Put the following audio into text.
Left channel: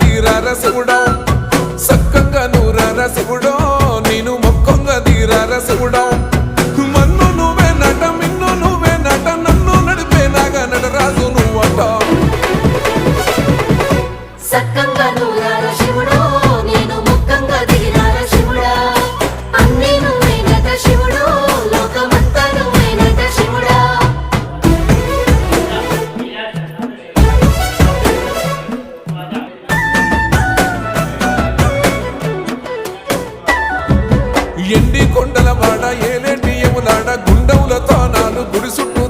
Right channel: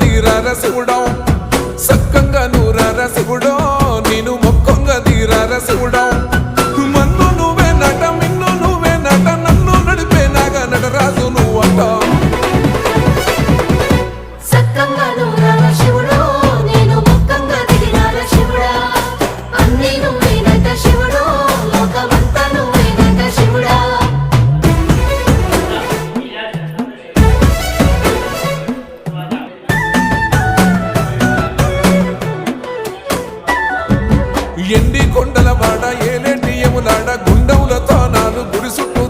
దీరార శివుడో సక్కంగా నూరార శివుడో నేను మొక్కంగా దీరార శివుడో మన్ను నువ్వే నట మిన్ను నువ్వే నట నన్ను నడిపే నాగా నటరాజు నువ్వట ఎండి కొండల వాడ ఏలేటి యములాడ గుండముల తానాలు గుడి చుట్టూ